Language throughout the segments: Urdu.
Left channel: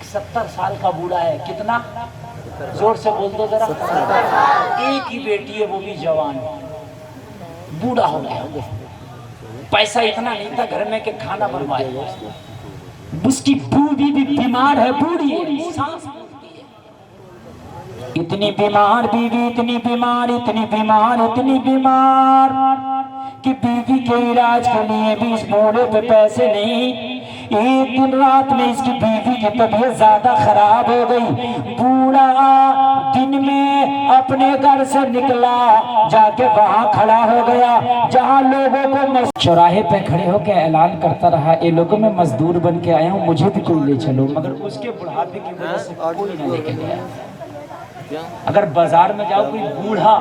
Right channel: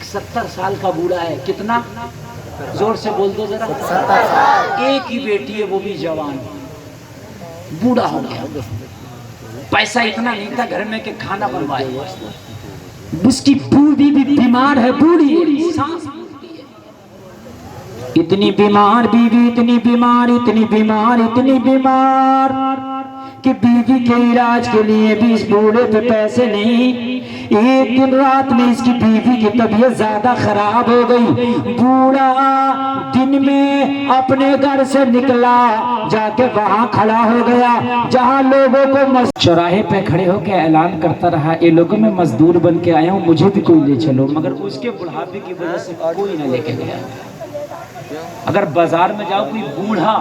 ایک 70 سال کا بوڑھا ہے، کتنا زور سے بول دو ذرا، ایک ہی بیٹی ہے وہ بھی جوان، بوڑھا ہو گیا، پیسہ اتنا نہیں تھا گھر میں کہ کھانا بنوائے، اس کی بیوی بھی بیمار ہے، بوڑھی ہے، سانس پھولتی ہے، اتنی بیمار بیوی، اتنی بیمار، اتنی بیمار، اتنی بیمار کہ بیوی کے علاج کے لیے بھی اس بوڑھے پہ پیسے نہیں۔ ایک دن رات میں اس کی بیوی کی طبیعت زیادہ خراب ہو گئی، بوڑھا دن میں اپنے گھر سے نکلا، جا کے وہاں کھڑا ہو گیا جہاں لوگوں کو چوراہے پہ کھڑے ہو کے اعلان کرتا رہا، اے لوگوں میں مزدور بن کے آیا ہوں، مجھے بھی کوئی لے چلو، مگر اس کے بڑھاپے کی وجہ سے کوئی نہ لے کے گیا۔ اگر بازار میں جاؤ کوئی بوڑھا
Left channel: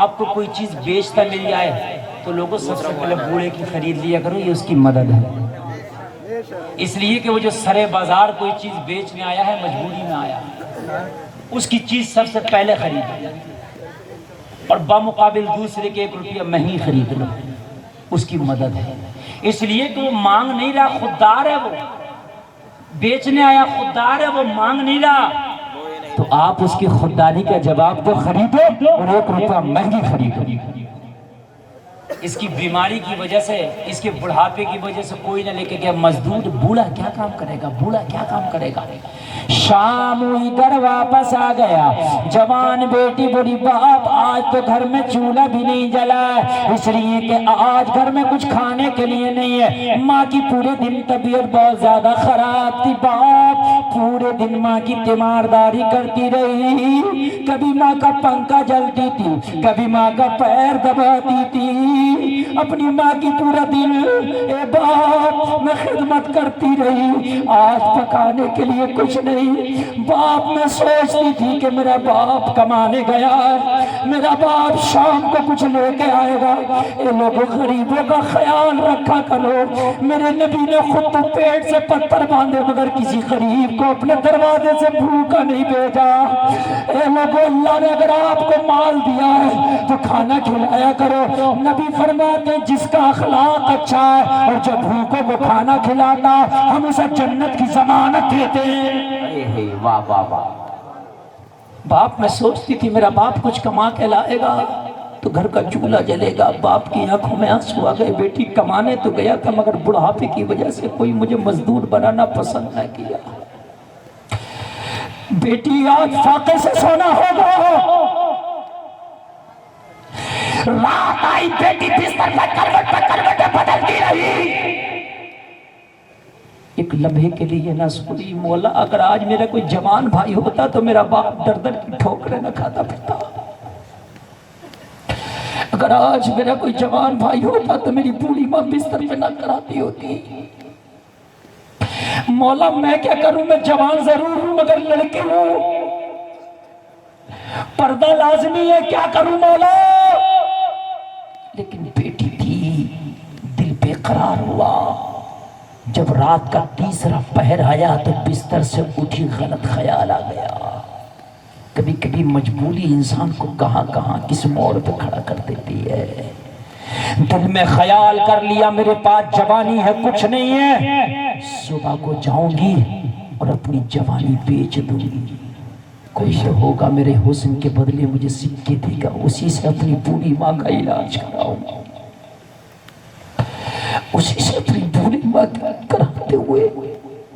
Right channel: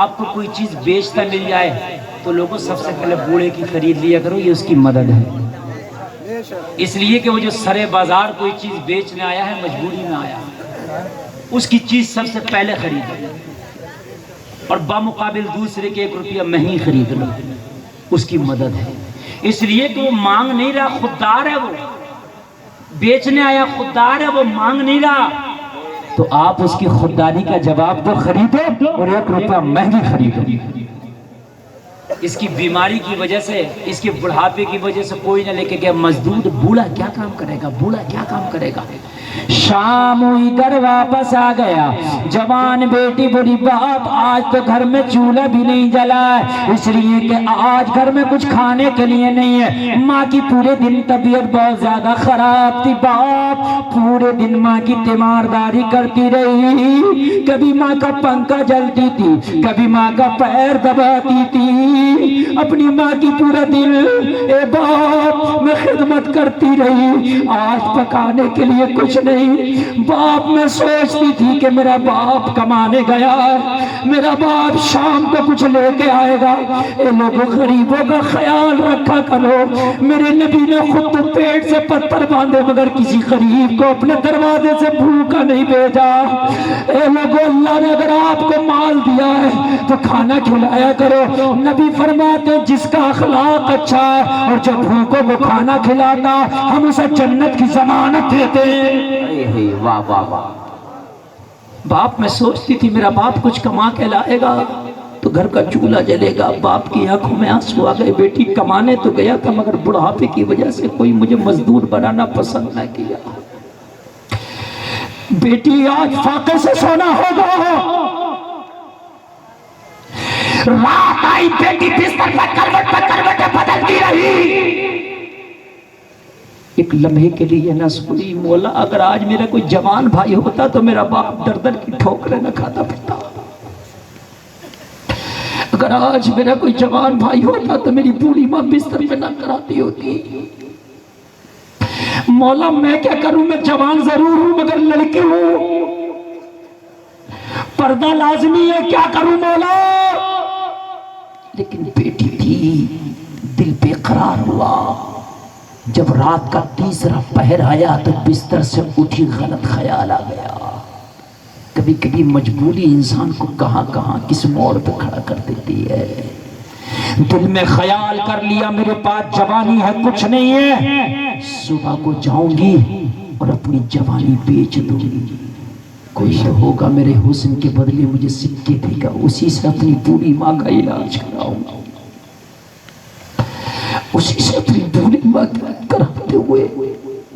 آپ کو کوئی چیز بیچتا مل جائے تو لوگوں سب سے پہلے بوڑھے کی خرید لیا کرو، یہ اس کی مدد ہے، اس لیے کہ وہ جو سرے بازار کوئی چیز بیچنے آیا ہے مجبوری میں آیا، اس کی چیز سب سے پہلے خرید اور بمقابل دوسرے کے 1 روپیہ میں ہی خرید لو، اس کی مدد ہے، اس لیے کہ وہ مانگ نہیں رہا، خوددار ہے، وہ بیچنے آیا خوددار ہے، وہ مانگ نہیں رہا، تو آپ اس کی خودداری کا جواب تو خریدو اور 1 روپیہ مہنگی خریدو۔ اس کی بیماری کی وجہ سے، اس کے بڑھاپے کی وجہ سے کوئی نہ لے کے گیا، مزدور بوڑھا کیا کام کرے گا، بوڑھا کیا کام کرے گا۔ شام ہوئی گھر واپس آ گیا، جوان بیٹی بڑی باپ آج تو گھر میں چولہا بھی نہیں جلا ہے، اس لیے کہ آج گھر میں کچھ کھانے کے لیے نہیں ہے۔ ماں کی پورے دن طبیعت بہت زیادہ خراب تھی، باپ پورے دن ماں کی تیمارداری کرتی رہی، کبھی ماں کا پنکھا جلتی تھی، کبھی ماں کا پیر دباتی تھی، اپنی ماں کی پورا دن اے باپ میں خدمت کرتی رہی، آج پکانے کے لیے کچھ نہیں، باپ میں سوچتی تھی کہ میرا باپ کمانے گیا ہے، میرا باپ شام کو کچھ لے کے آئے گا، اے لوگوں غریبوں کا خیال رکھا کرو، میرے نبی نے خود تو پیٹ سے پتھر باندھے مگر کسی غریب کو اپنے دروازے سے بھوکا نہیں بھیجا۔ اے لوگوں اللہ نے اگر آپ کو مال دیا ہے تو کھانا کھلایا کرو، نبی فرماتے جس کا اخلاق اچھا ہے اور جو بھوکوں کو کھانا کھلاتا ہم اسے جنت کی ضمانت دیتے ہیں۔ واہ واہ واہ۔ باپ میں سوچتی تھی میرا باپ کچھ کما کے لائے گا تو گھر کا چولہا جلے گا، باپ کی آنکھوں میں آنسو آ گئے، بیٹی کمانے تو گیا تھا مگر بڑھاپے کی وجہ سے کوئی مجھے مزدور بنانا پسند نہ کیا، بیٹی آج فاقے سے سونا ہوگا۔ رات آئی بیٹی بستر پر کروٹیں بدلتی رہی، ایک لمحے کے لیے نہ سنی، مولا اگر آج میرا کوئی جوان بھائی ہوتا تو میرا باپ در در کی ٹھوکریں نہ کھاتا پھرتا، اگر آج میرا کوئی جوان بھائی ہوتا تو میری بوڑھی ماں بستر پہ نہ کراتی ہوتی۔ مولا میں کیا کروں، میں جوان ضرور ہوں مگر لڑکی ہوں، پردہ لازمی ہے، کیا کروں مولا، لیکن بیٹی تھی، دل بے قرار ہوا۔ جب رات کا تیسرا پہر آیا تو بستر سے اٹھی غلط خیال آ گیا، کبھی کبھی مجبوری انسان کو کہاں کہاں کس موڑ پہ کھڑا کر دیتی ہے، دل میں خیال کر لیا میرے پاس جوانی ہے کچھ نہیں ہے، صبح کو جاؤں گی اور اپنی جوانی بیچ دوں گی، کوئی تو ہوگا میرے حسن کے بدلے مجھے سکے دے گا، اسی سے اپنی بوڑھی ماں کا علاج کراؤں گا، اسی سے اپنی بوڑھی ماں کا کراتے ہوئے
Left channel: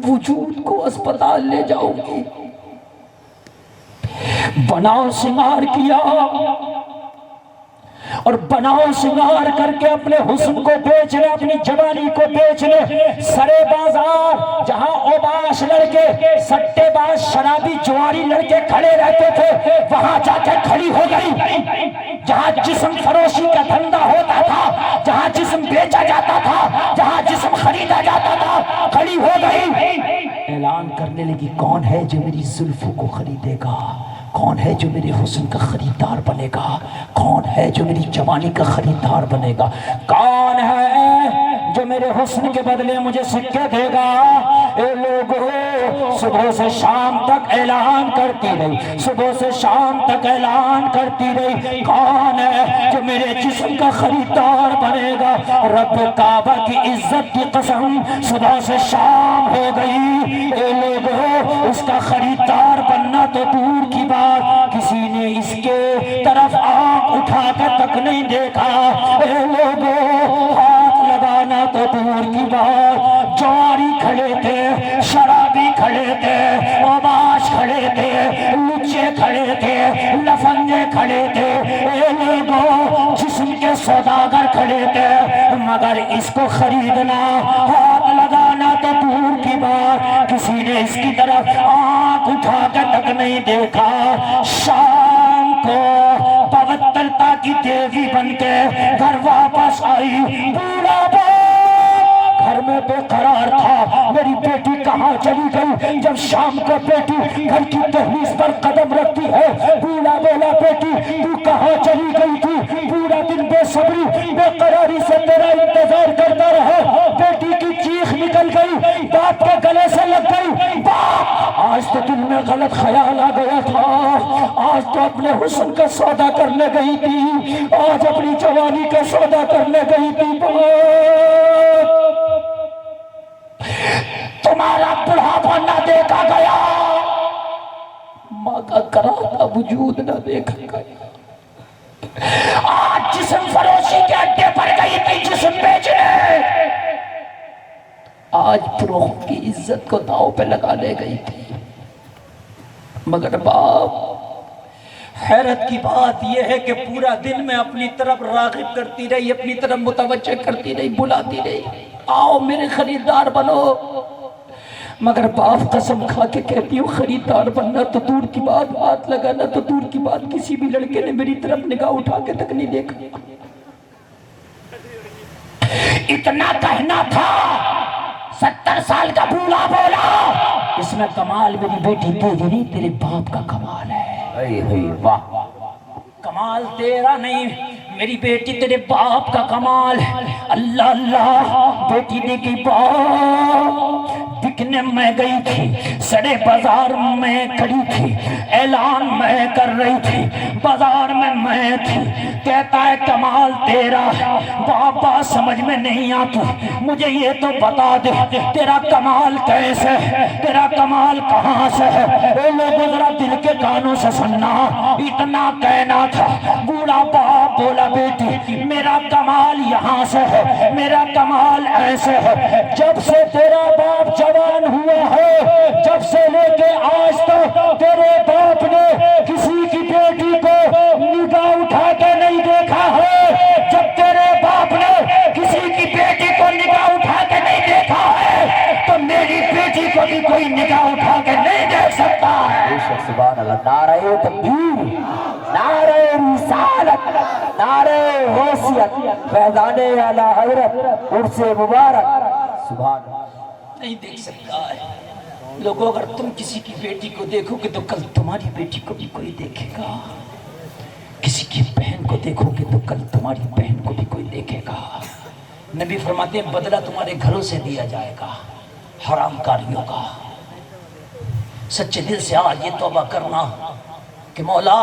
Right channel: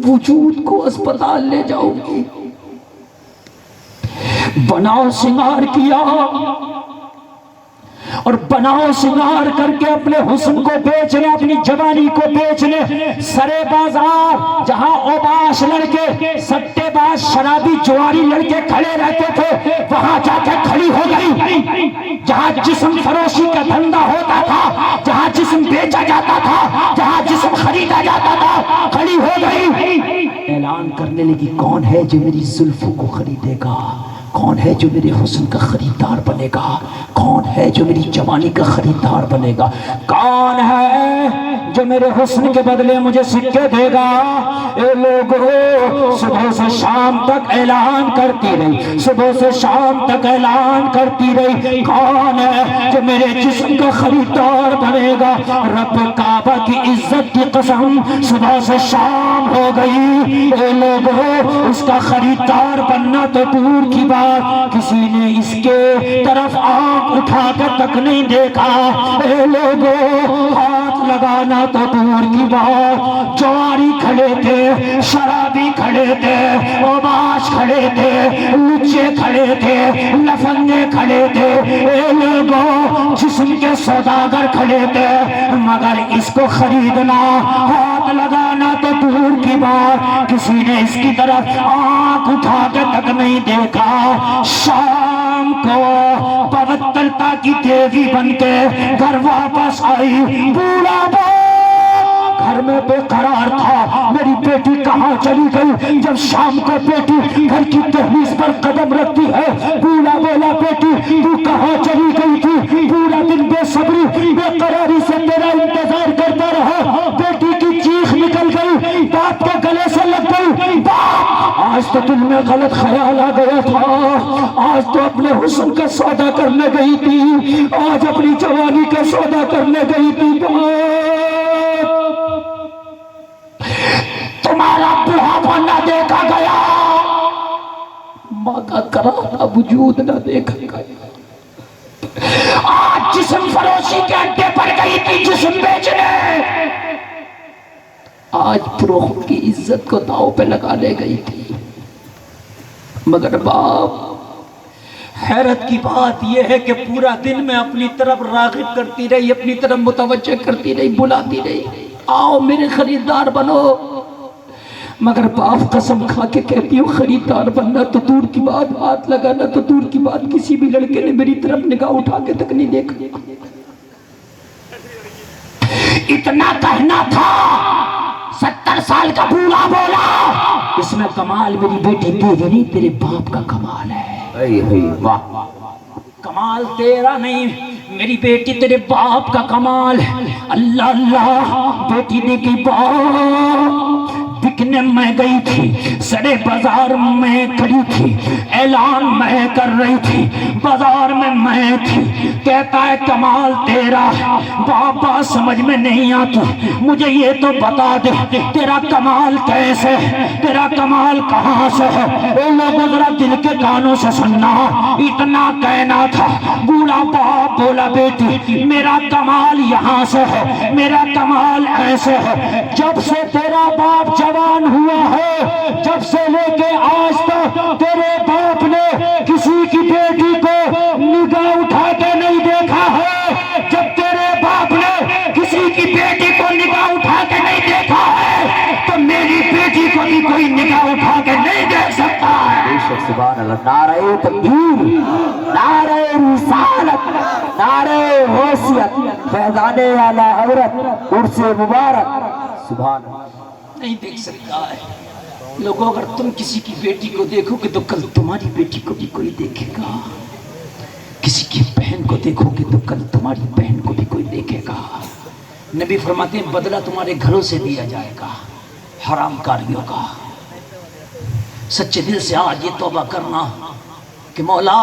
وجود کو اسپتال لے جاؤں گی۔ بناؤ سنگار کیا اور بناؤ سنگار کر کے اپنے حسن کو بیچ لے، اپنی جوانی کو بیچ لے، سرے بازار جہاں اوباش لڑکے سٹے باز شرابی جواری لڑکے کھڑے رہتے تھے وہاں جا کے کھڑی ہو گئی، جہاں جسم فروشی کا دھندا ہوتا تھا، جہاں جسم بیچا جاتا تھا، جہاں جسم خریدا جاتا تھا، کھڑی ہو گئی، اعلان کرنے لگی کون ہے جو میری زلفوں کو خریدے گا، کون ہے جو میرے حسن کا خریدار بنے گا، کون ہے جو میری جوانی کا خریدار بنے گا، کون ہے جو میرے حسن کے بدلے مجھے سکے دے گا۔ اے لوگو صبح سے شام تک اعلان کرتی رہی، صبح سے شام تک اعلان کرتی رہی، کون ہے جو میرے جسم کا خریدار بنے گا؟ رب کعبہ کی عزت کی قسم، صبح سے شام ہو گئی، اے لوگوں اس کا خریدار بننا تو دور کی بات، کسی نے اس کے طرف آنکھ اٹھا کر تک نہیں دیکھا، اے لوگوں ہاتھ لگانا تو دور کی بات، جواری کھڑے تھے، شرابی کھڑے تھے، اوباش کھڑے تھے، لچے کھڑے تھے، لفنگے کھڑے تھے، اے لوگوں جسم کے سوداگر کھڑے تھے، مگر اس کو خریدنا، ہاتھ لگانا تو دور کی بات، کسی نے اس کی طرف آنکھ اٹھا کے تک نہیں دیکھا۔ شام کو پوترتا کی دیوی بن کے گھر واپس آئی، بوڑھا گھر میں بے قرار تھا، میری بیٹی کہاں چلی گئی؟ جب شام کو بیٹی گھر کی دہلیز پر قدم رکھتی ہے، بولا بولا بیٹی تو کہاں چلی گئی تھی؟ پورا دن بے صبری بے قراری سے تیرا انتظار کرتا رہا، بیٹی کی چیخ نکل گئی، باپ کے گلے سے لگ گئی، باپ آج تو دل میں غلط خیال آ گیا تھا، آج تو اپنے حسن کا سودا کرنے گئی تھی، آج اپنی جوانی کا سودا کرنے گئی تھی، تمہارا بڑھاپا نہ دیکھا گیا، ماں کا کراتا وجود نہ دیکھا گیا، آج جسم فروشی کے اڈے پر گئی تھی جسم بیچنے، آج فروخت کی عزت کو داؤ پہ لگا لے گئی تھی، مگر باپ حیرت کی بات یہ ہے کہ پورا دن میں اپنی طرف راغب کرتی رہی، اپنی طرف متوجہ کرتی رہی، بلاتی رہی، آؤ میرے خریدار بنو، مگر باپ قسم کھا کے کہتی ہوں خریدار بننا تو دور کی بات، ہاتھ لگانا تو دور کی بات، کسی بھی لڑکے نے میری طرف نگاہ اٹھا کے تک نہیں دیکھا۔ اتنا کہنا تھا، 70 سال کا بوڑھا بولا، اس میں کمال میری بیٹی تیری نہیں تیرے باپ کا کمال ہے۔ واہ، کمال تیرا نہیں میری بیٹی تیرے باپ کا کمال ہے۔ اللہ اللہ، بیٹی نے کی باپ بکنے میں گئی تھی، سڑے بازار میں کھڑی تھی، اعلان میں کر رہی تھی، بازار میں تھی، کہتا ہے کمال تیرا ہے، بابا سمجھ میں نہیں آتی، مجھے یہ تو بتا دے تیرا کمال کیسے ہے، تیرا کمال کہاں سے ہے؟ اے لوگوں ذرا دل کے کانوں سے سننا، اتنا کہنا تھا، بوڑھا باپ بولا بیٹی میرا کمال یہاں سے ہے، میرا کمال ایسے ہے، جب سے تیرا باپ جوان ہوا ہے، جب سے لے کے آج تک تیرے باپ نے کسی کی بیٹی کو نگاہ اٹھا کے نہیں دیکھا ہے، جب تیرے باپ نے کسی کی بیٹی کو نگاہ اٹھا کے نہیں دیکھا ہے تو میری بیٹی کو بھی کوئی نگاہ اٹھا کے نہیں دیکھ سکتا ہے۔ سبحان اللہ، نعرہ تکبیر، نعرہ رسالت، نعرہ حیثیت، فیضان اعلی حضرت عرس مبارک، سبحان اللہ۔ نہیں دیکھ سکتا ہے لوگوں، اگر تم کسی کی بیٹی کو دیکھو گے تو کل تمہاری بیٹی کو بھی کوئی دیکھے گا، کسی کی بہن کو دیکھو گے تو کل تمہاری بہن کو بھی کوئی دیکھے گا۔ نبی فرماتے ہیں بدلہ تمہارے گھروں سے دیا جائے گا حرام کاریوں کا۔ سچے دل سے آج یہ توبہ کرنا کہ مولا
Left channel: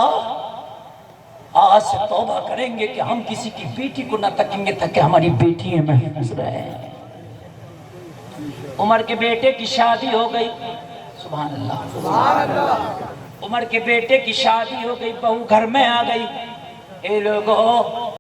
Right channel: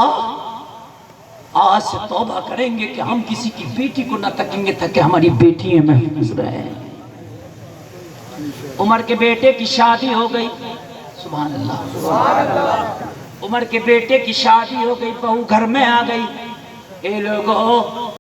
آج سے توبہ کریں گے کہ ہم کسی کی بیٹی کو نہ تکیں گے تاکہ ہماری بیٹیاں محفوظ رہیں۔ عمر کے بیٹے کی شادی ہو گئی، سبحان اللہ، عمر کے بیٹے کی شادی ہو گئی، بہو گھر میں آ گئی، اے لوگوں